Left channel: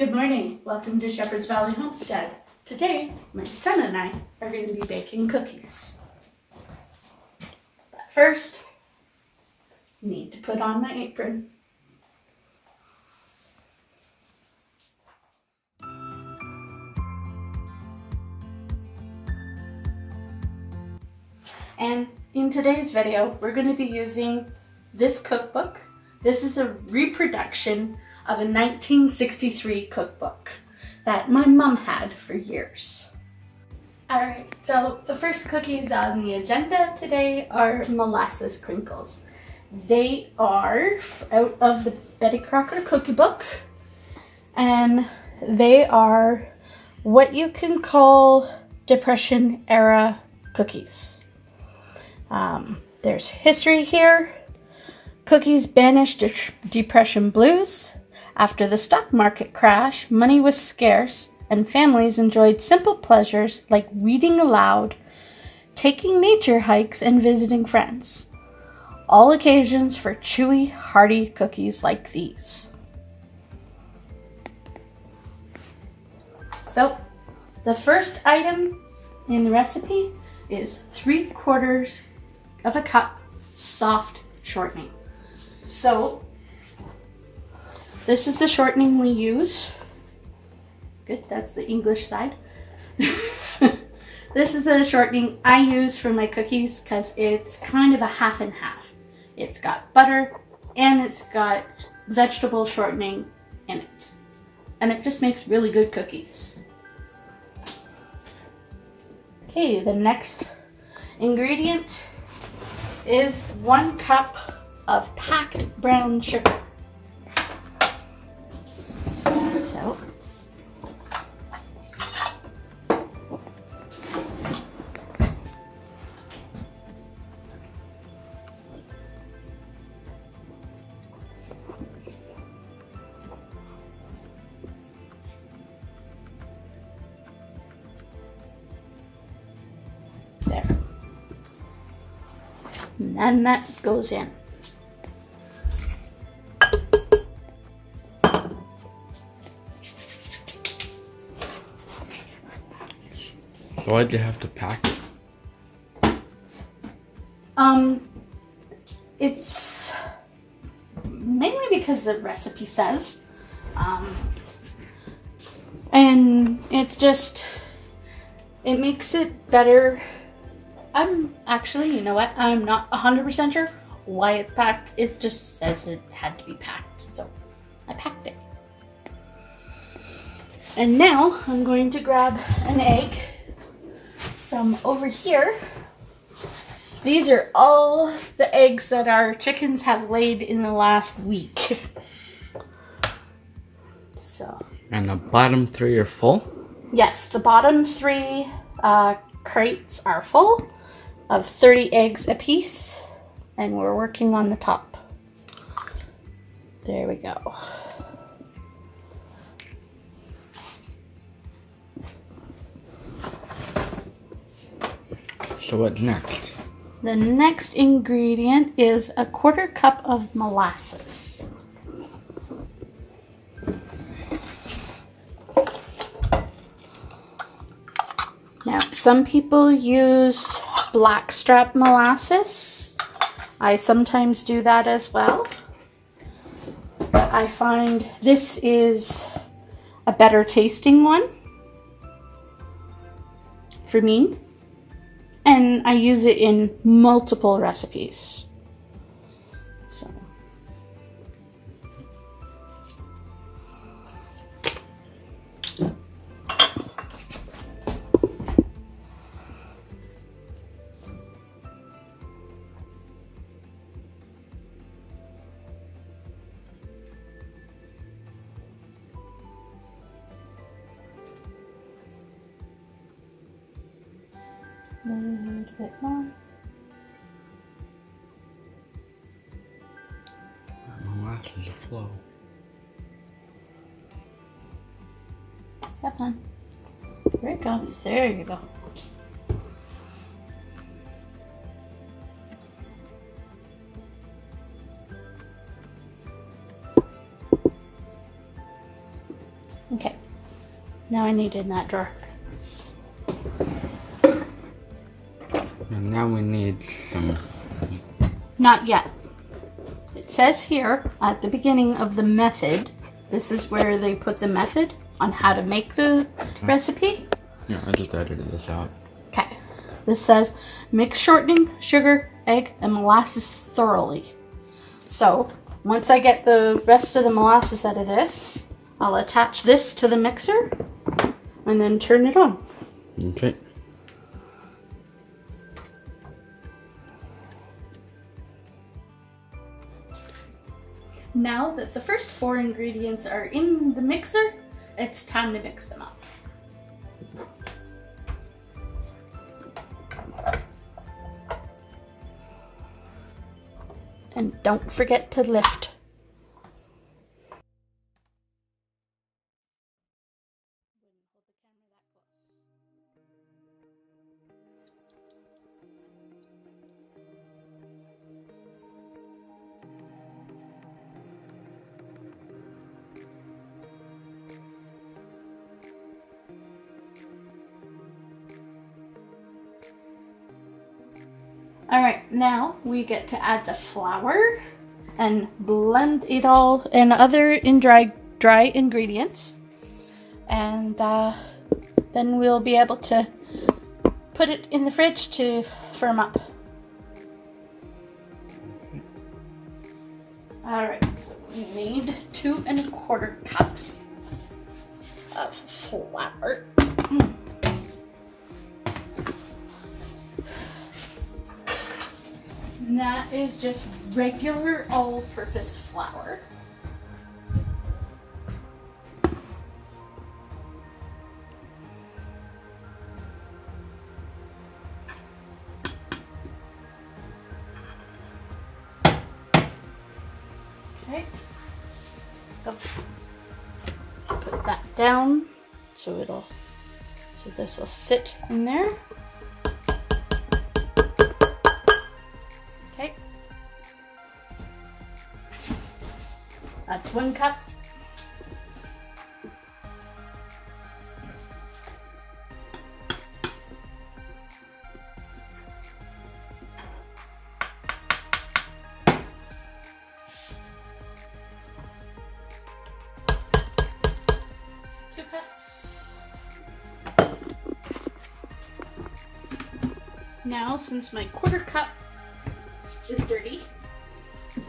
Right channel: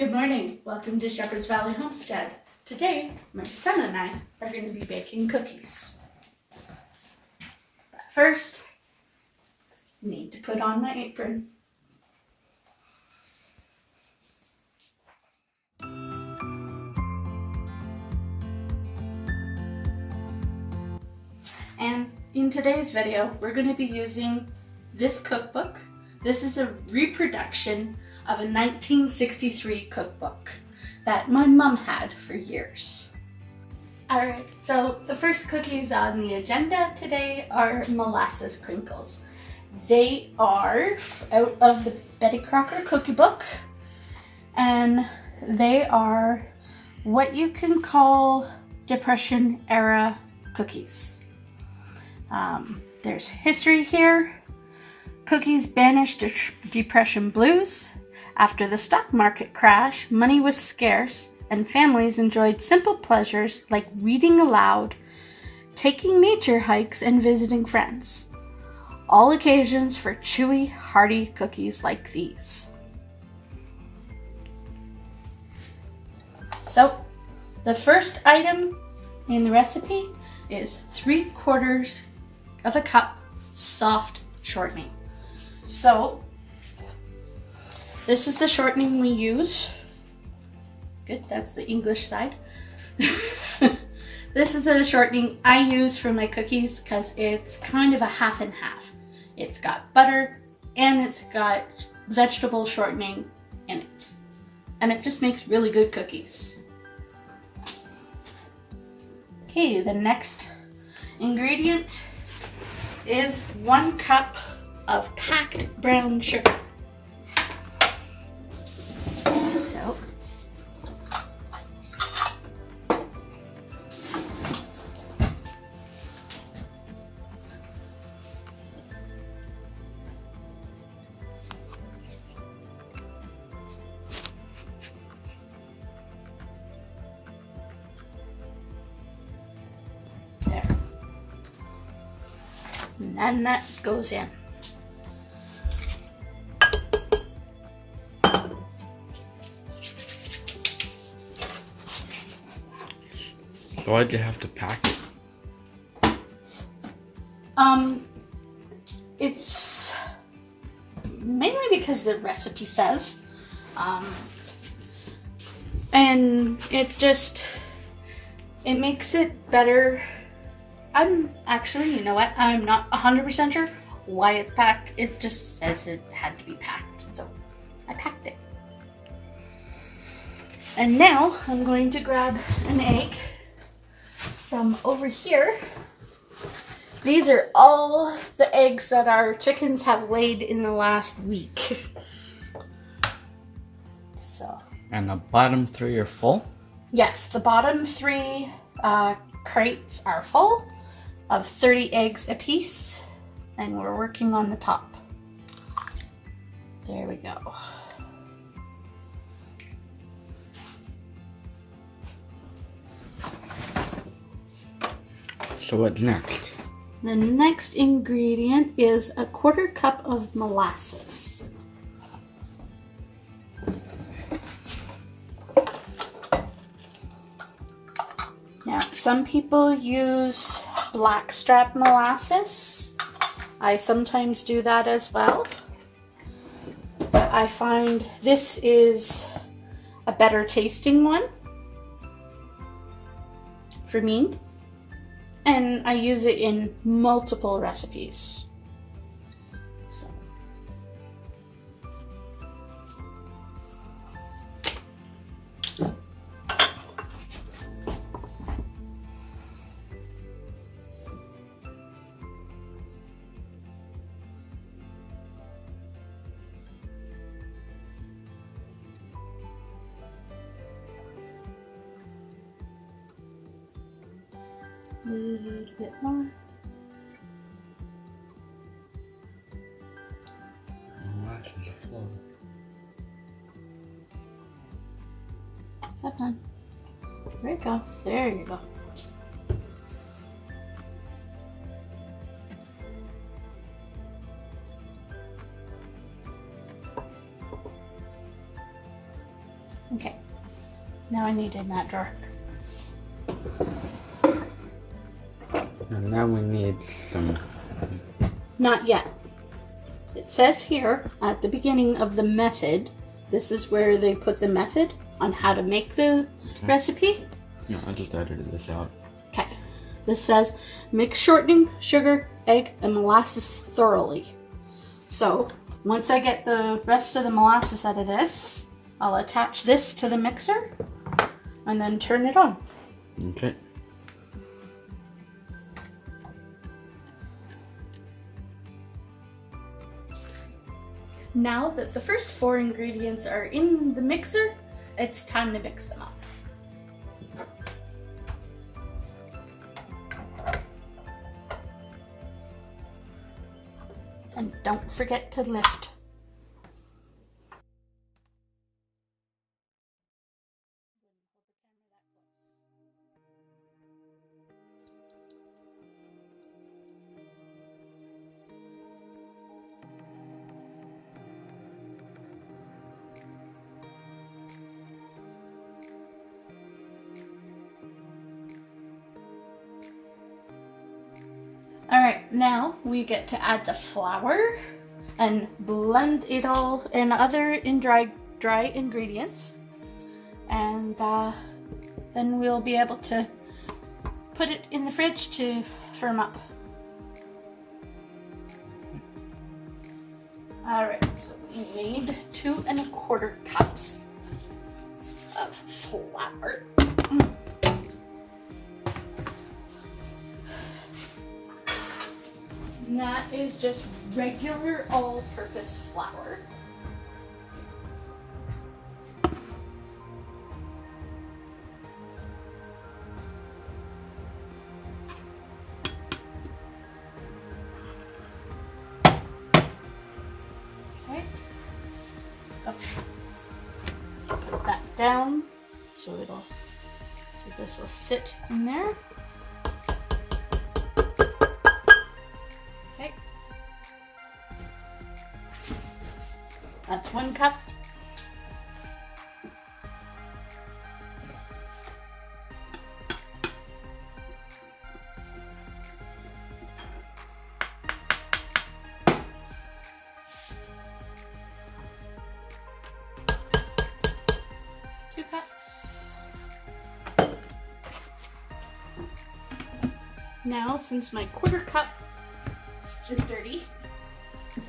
Good morning. Welcome to Shepherd's Valley Homestead. Today, my son and I are going to be baking cookies. But first, I need to put on my apron. And in today's video, we're going to be using this cookbook. This is a reproduction of a 1963 cookbook that my mom had for years. Alright, so the first cookies on the agenda today are molasses crinkles. They are out of the Betty Crocker cookie book, and they are what you can call Depression era cookies. There's history here. Cookies banished Depression blues. After the stock market crash, money was scarce and families enjoyed simple pleasures like reading aloud, taking nature hikes, and visiting friends. All occasions for chewy, hearty cookies like these. So, the first item in the recipe is 3/4 of a cup soft shortening. So, this is the shortening we use. Good, that's the English side. This is the shortening I use for my cookies because it's kind of a half and half. It's got butter and it's got vegetable shortening in it. And it just makes really good cookies. Okay, the next ingredient is 1 cup of packed brown sugar. So, there. And then that goes in. So why'd you have to pack it? It's mainly because the recipe says, and it's just, it makes it better. I'm actually, you know what, I'm not 100% sure why it's packed. It just says it had to be packed, so I packed it. And now I'm going to grab an egg from over here. These are all the eggs that our chickens have laid in the last week. So. And the bottom 3 are full? Yes, the bottom 3 crates are full of 30 eggs apiece, and we're working on the top. There we go. So what's next? The next ingredient is 1/4 cup of molasses. Now, some people use blackstrap molasses. I sometimes do that as well. But I find this is a better tasting one for me. And I use it in multiple recipes. So. A little bit more. Molasses a flow. Come on. There you go. There you go. Okay, now I need it in that drawer. And now we need some... Not yet. It says here at the beginning of the method, this is where they put the method on how to make the recipe. Yeah, I just edited this out. Okay. This says, mix shortening, sugar, egg, and molasses thoroughly. So, once I get the rest of the molasses out of this, I'll attach this to the mixer and then turn it on. Okay. Now that the first 4 ingredients are in the mixer, it's time to mix them up. And don't forget to lift. All right, now we get to add the flour and blend it all and other dry ingredients. And then we'll be able to put it in the fridge to firm up. All right, so we need 2 1/4 cups of flour. And that is just regular all-purpose flour. Okay. So put that down so this will sit in there. Okay. That's 1 cup. Now, since my 1/4 cup is dirty,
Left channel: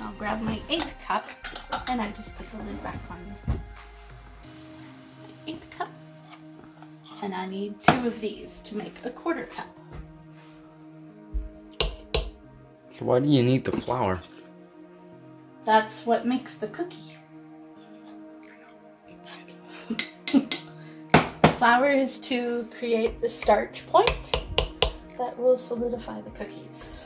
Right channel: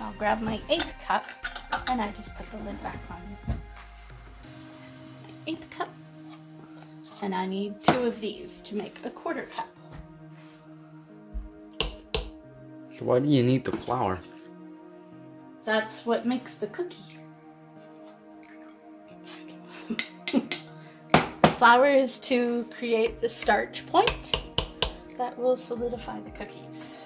I'll grab my 1/8 cup and I just put the lid back on. My 1/8 cup. And I need 2 of these to make a 1/4 cup. So why do you need the flour? That's what makes the cookie. Flour is to create the starch point that will solidify the cookies.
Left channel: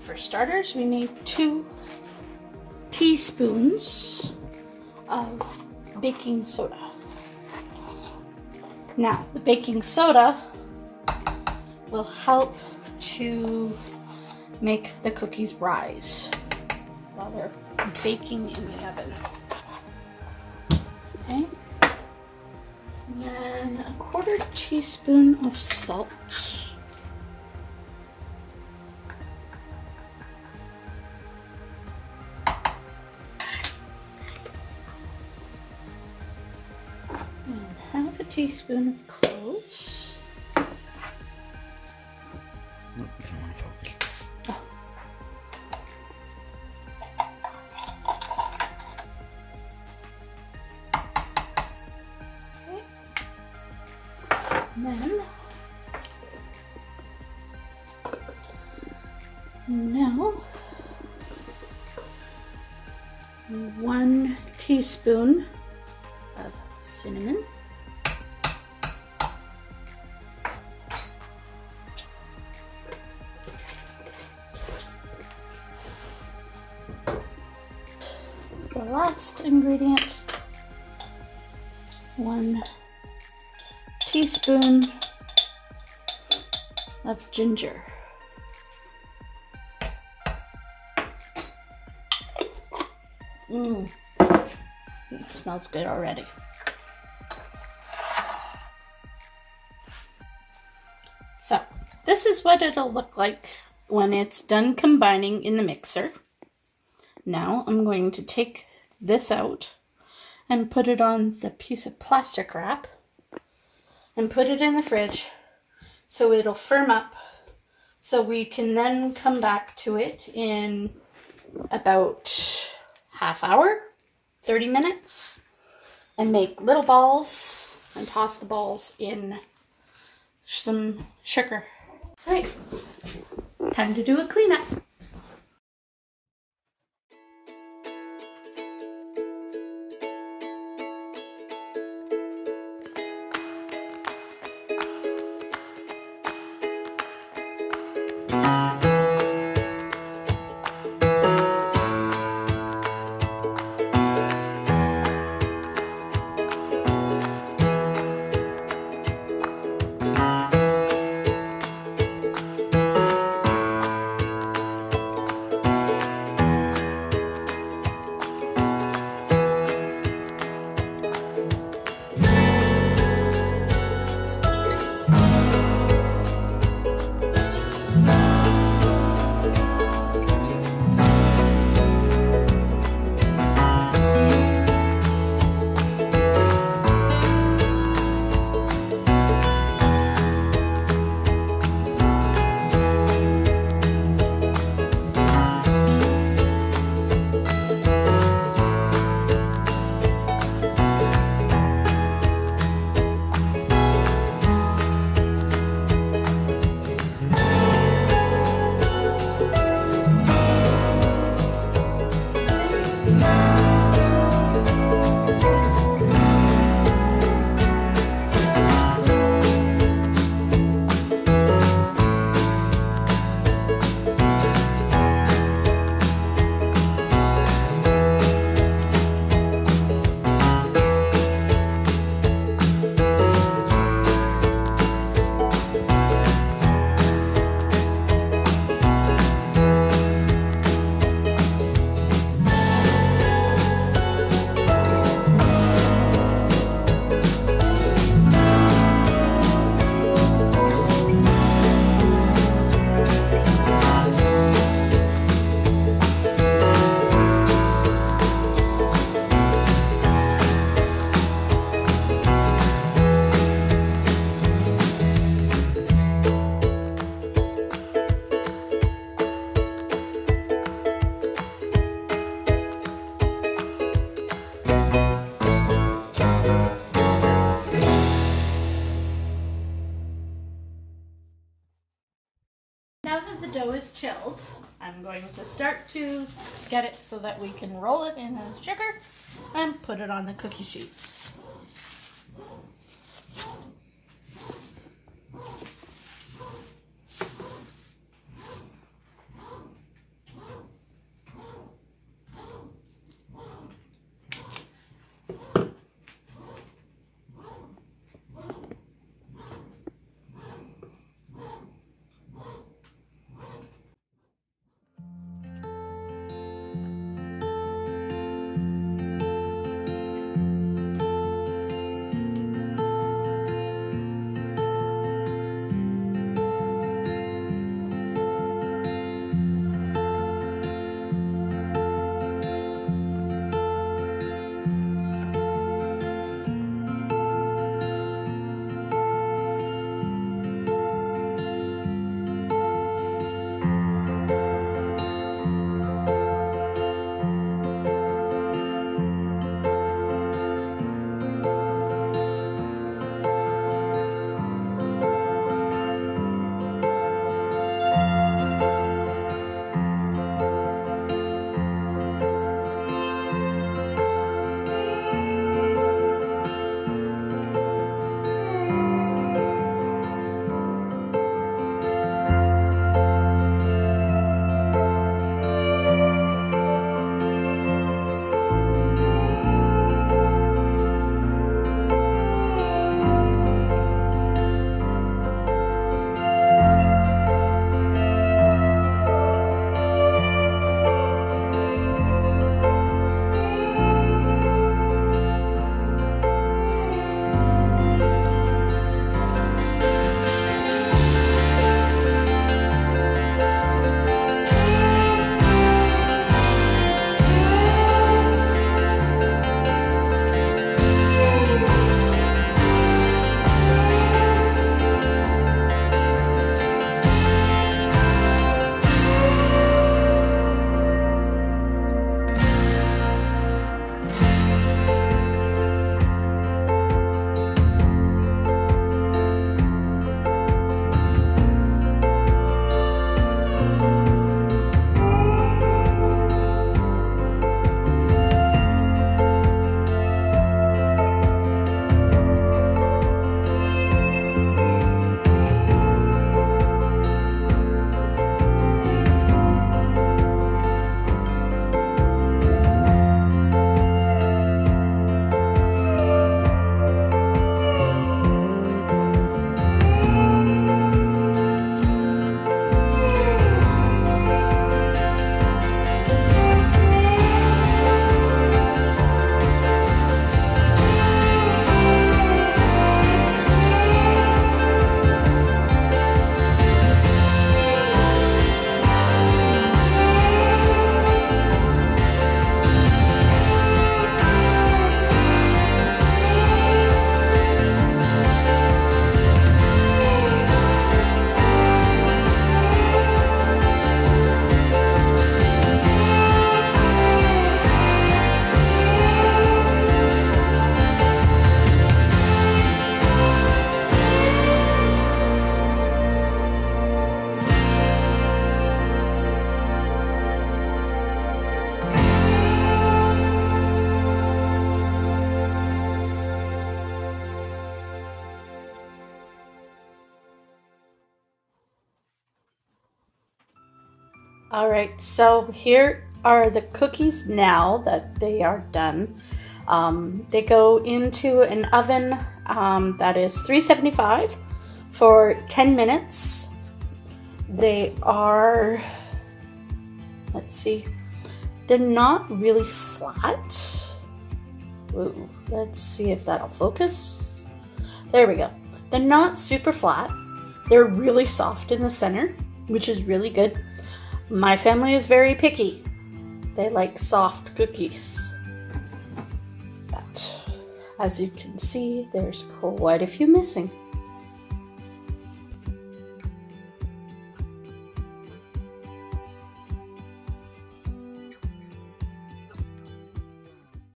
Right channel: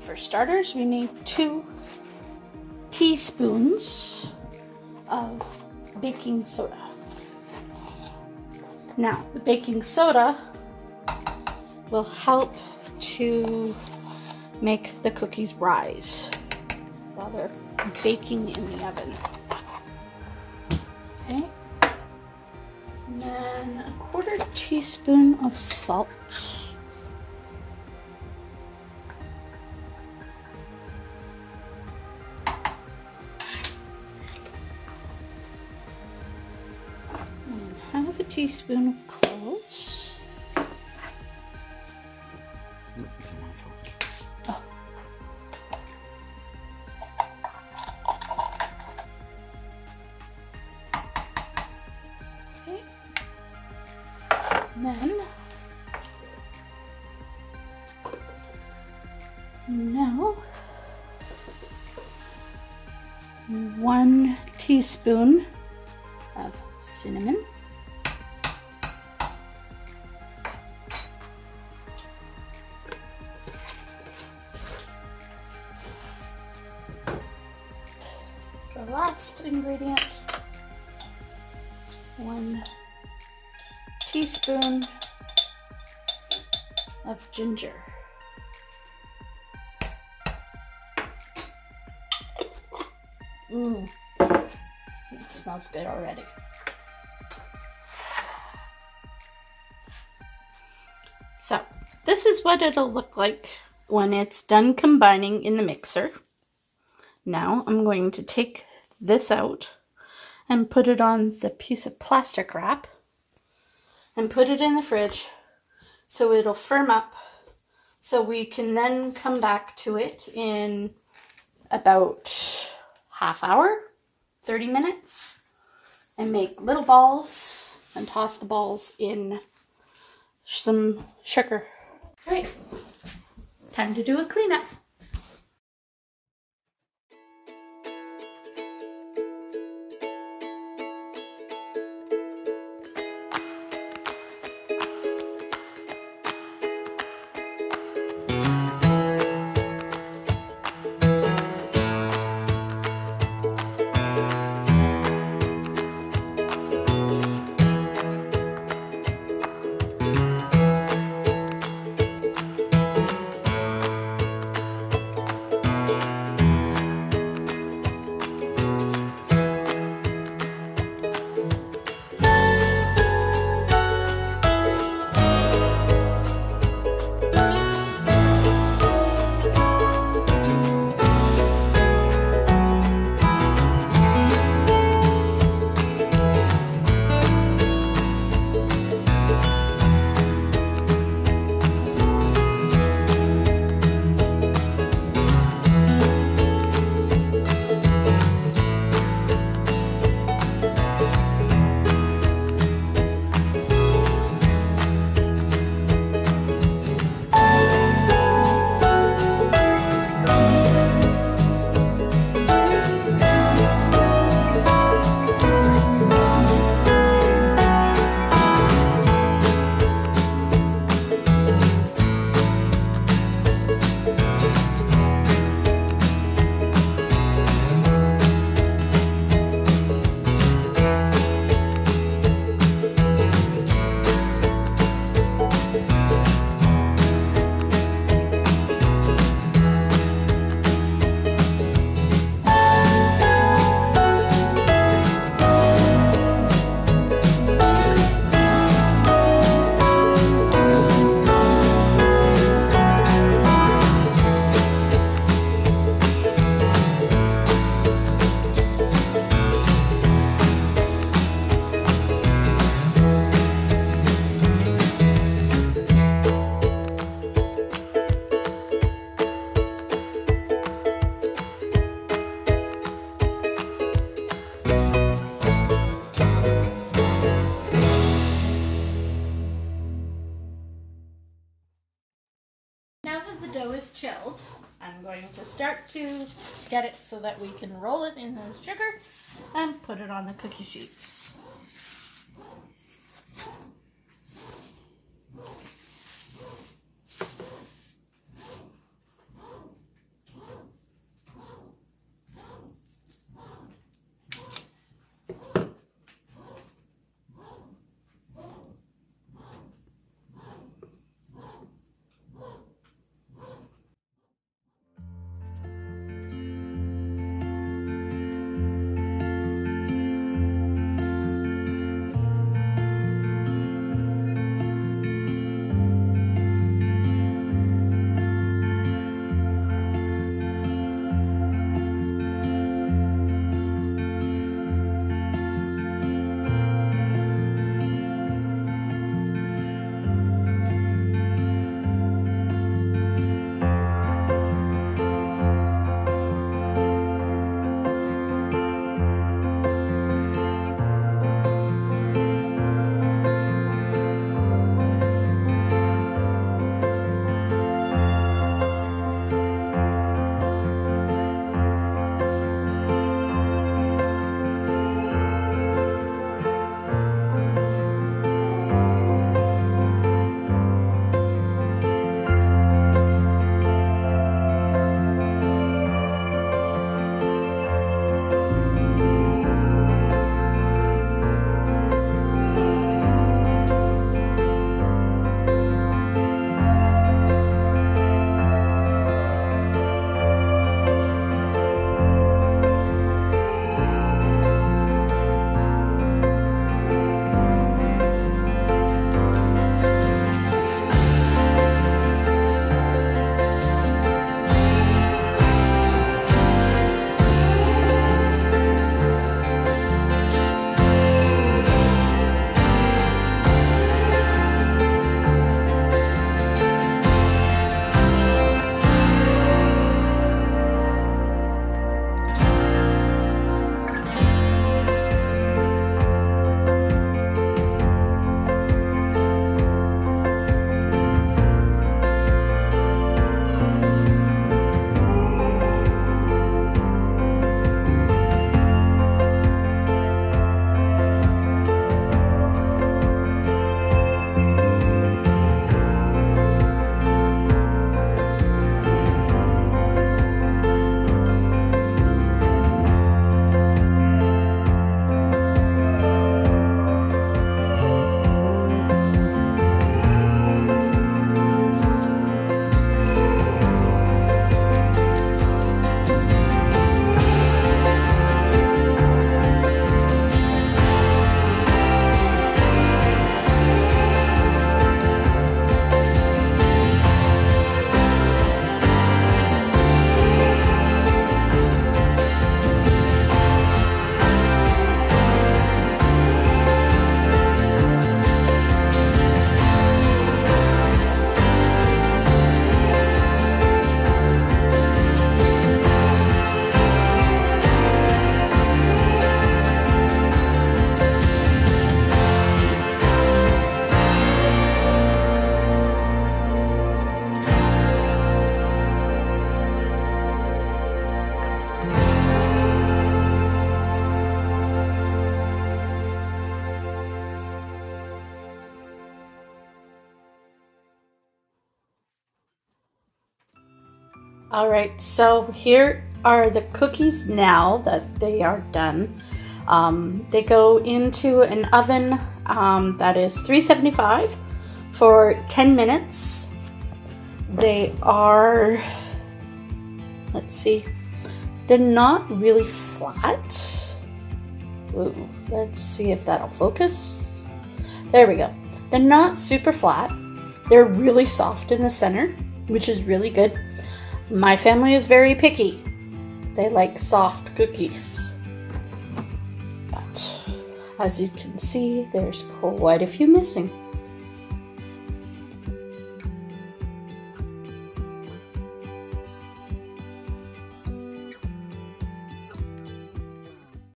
For starters, we need 2 teaspoons of baking soda. Now, the baking soda will help to make the cookies rise while they're baking in the oven. Okay. And then a 1/4 teaspoon of salt. And 1/2 teaspoon of cloves. Oh. Okay. Then now 1 teaspoon of cinnamon. The last ingredient, 1 teaspoon of ginger. It smells good already. this is what it'll look like when it's done combining in the mixer. Now I'm going to take this out and put it on the piece of plastic wrap and put it in the fridge so it'll firm up, so we can then come back to it in about half hour, 30 minutes, and make little balls and toss the balls in some sugar. All right, time to do a cleanup. Now that the dough is chilled, I'm going to start to get it so that we can roll it in the sugar and put it on the cookie sheets. All right, so here are the cookies now that they are done. They go into an oven that is 375 for 10 minutes. They are, let's see, they're not really flat. Ooh, let's see if that'll focus. There we go. They're not super flat. They're really soft in the center, which is really good. My family is very picky. They like soft cookies. But as you can see, there's quite a few missing.